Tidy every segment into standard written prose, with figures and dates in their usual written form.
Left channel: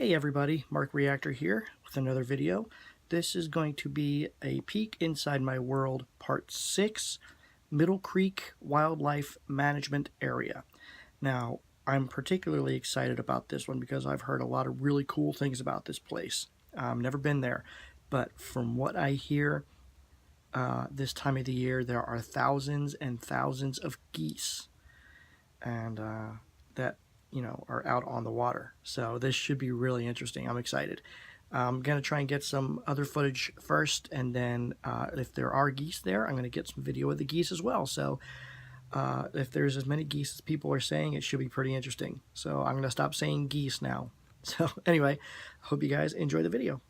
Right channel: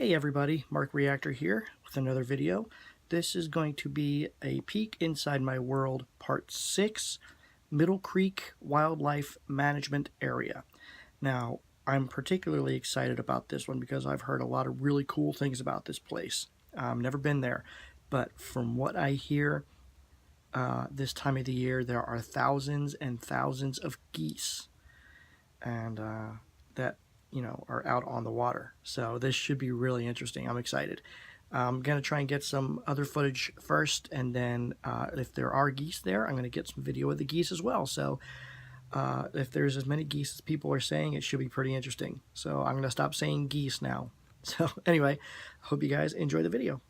Hey everybody, Mark Reactor here with another video. This is going to be a peek inside my world part 6, Middle Creek Wildlife Management Area. Now, I'm particularly excited about this one because I've heard a lot of really cool things about this place. Never been there, but from what I hear, this time of the year there are thousands and thousands of geese, and that are out on the water. So this should be really interesting. I'm excited. I'm going to try and get some other footage first, and then if there are geese there, I'm going to get some video of the geese as well. So if there's as many geese as people are saying, it should be pretty interesting. So I'm going to stop saying geese now. So anyway, I hope you guys enjoy the video.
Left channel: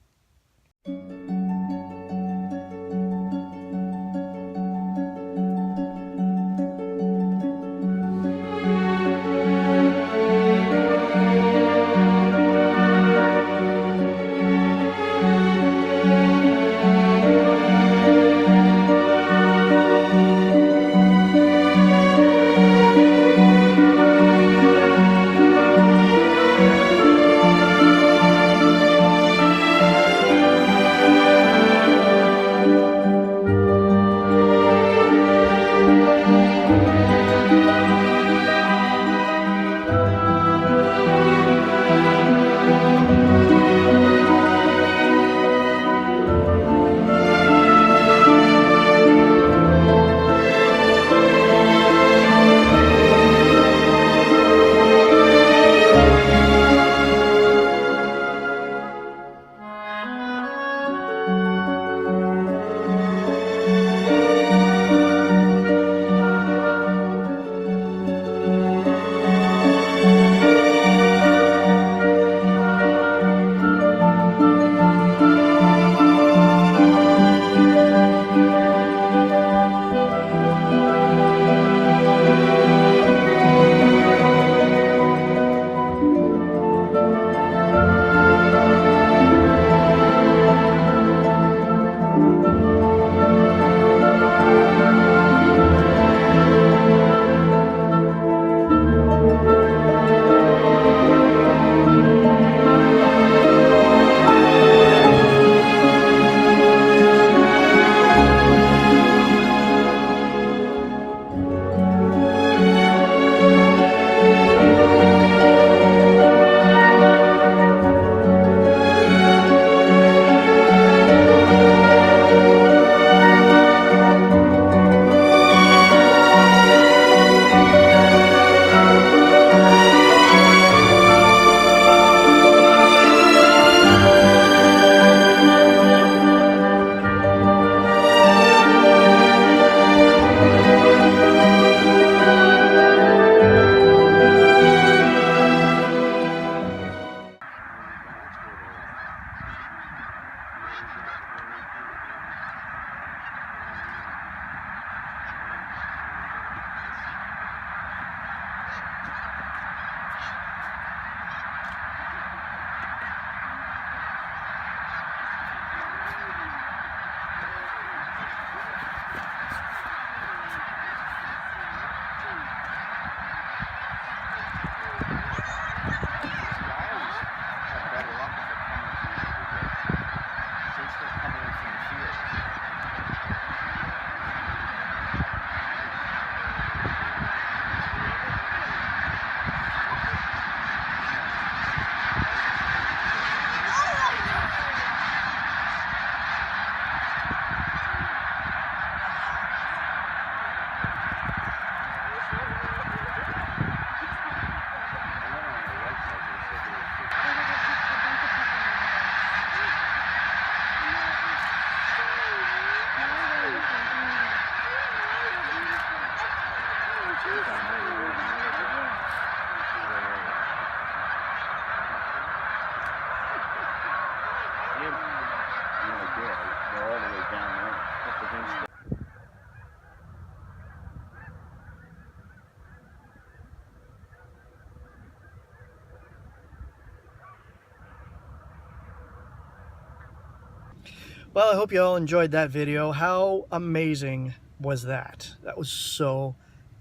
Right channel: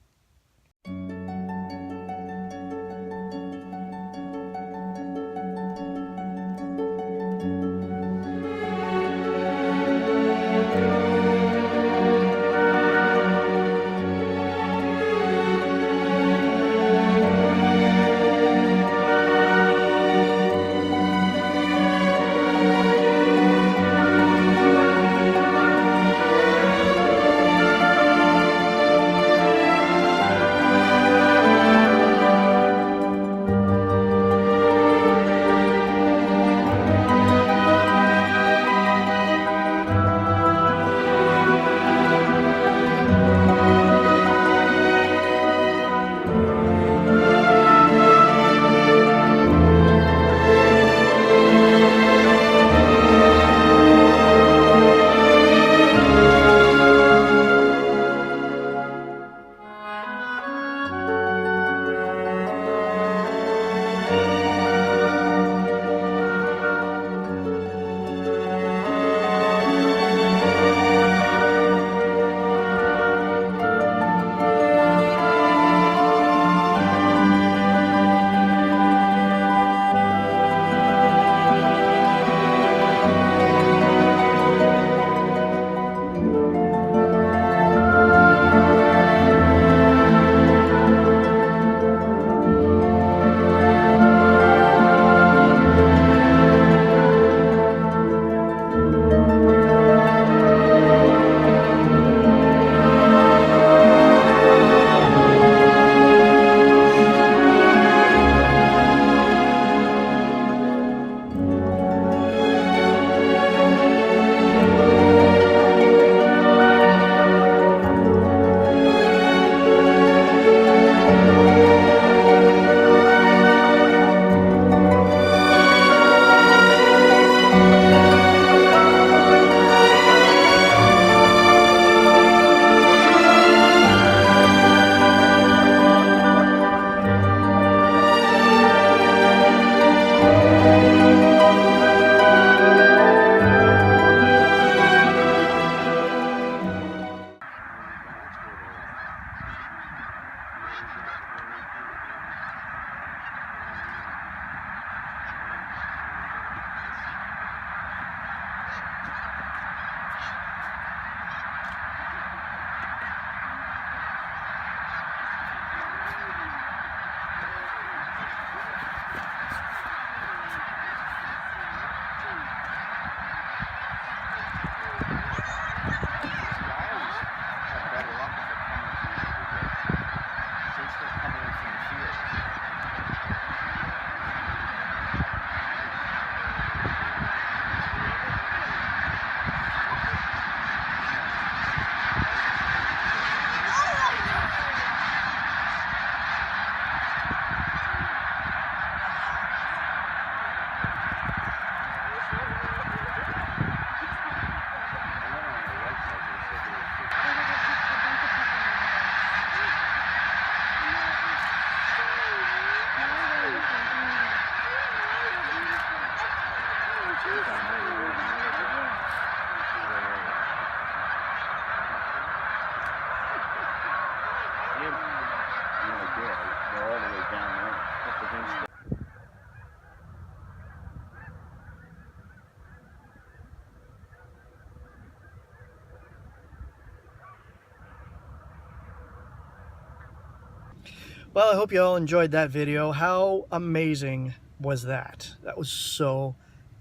Well, I hope you all enjoyed that video. How amazing was that? That was so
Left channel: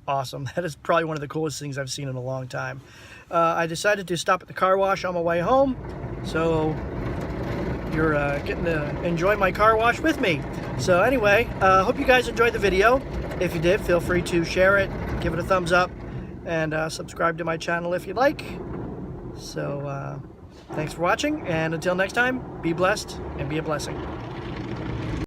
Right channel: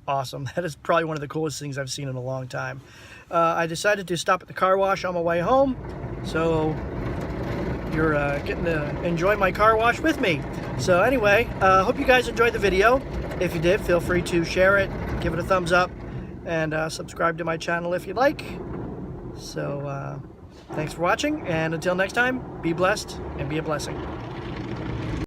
awesome. That is probably one of the coolest things I've seen in a long time. I decided to stop at the car wash on my way home, So you're getting to enjoy my car wash with me. So anyway, hope you guys enjoyed the video. If you did, feel free to share it, give it a thumbs up, and subscribe to my channel if you'd like. So thanks for watching, and until next time, be blessed and be a blessing.